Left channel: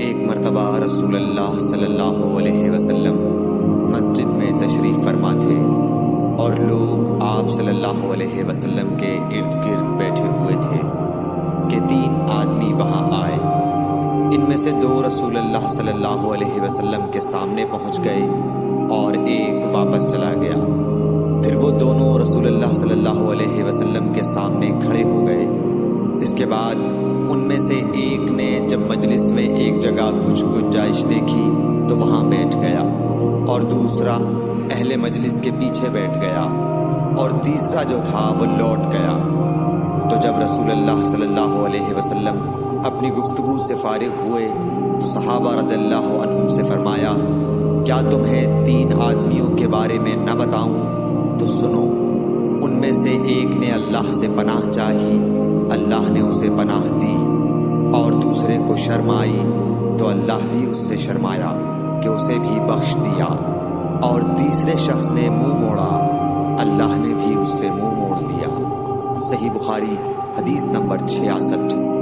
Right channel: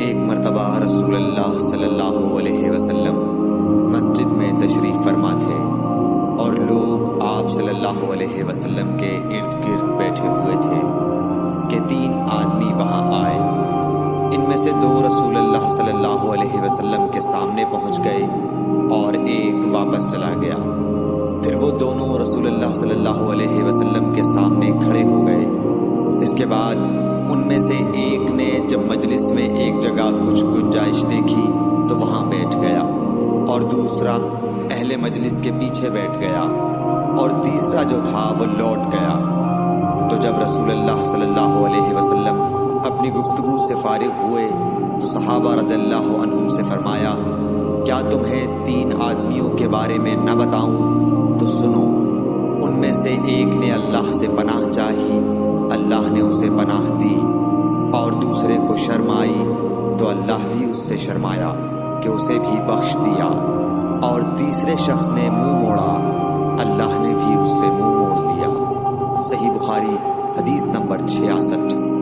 ایک مرتبہ رسول اللہ صلی اللہ علیہ وسلم مسجد میں تشریف فرما تھے اور لوگ آپ صلی اللہ علیہ وسلم کے ارد گرد بیٹھے ہوئے تھے کہ 3 آدمی وہاں آئے۔ ان میں سے 2 رسول اللہ صلی اللہ علیہ وسلم کے سامنے پہنچ گئے اور ایک واپس چلا گیا۔ پھر وہ دونوں رسول اللہ صلی اللہ علیہ وسلم کے سامنے کھڑے ہو گئے۔ اس کے بعد ان میں سے ایک نے جب مجلس میں ایک جگہ کچھ گنجائش دیکھی تو وہاں بیٹھ گیا، اور دوسرا اہل مجلس کے پیچھے بیٹھ گیا، اور تیسرا جو تھا وہ لوٹ گیا۔ تو جب رسول اللہ صلی اللہ علیہ وسلم اپنی گفتگو سے فارغ ہوئے تو صحابہ رضی اللہ عنہم سے فرمایا، کیا تمہیں 3 آدمیوں کے بارے میں نہ بتاؤں؟ تو سنو، ان میں سے ایک نے اللہ سے پناہ چاہی، اللہ نے اسے پناہ دی، اور دوسرے کو شرم آئی تو اللہ بھی اس سے شرمایا کہ اسے بھی بخش دیا، اور تیسرے شخص نے منہ موڑا، اللہ نے بھی اس سے منہ موڑ لیا۔ صحیح بخاری حدیث نمبر 66۔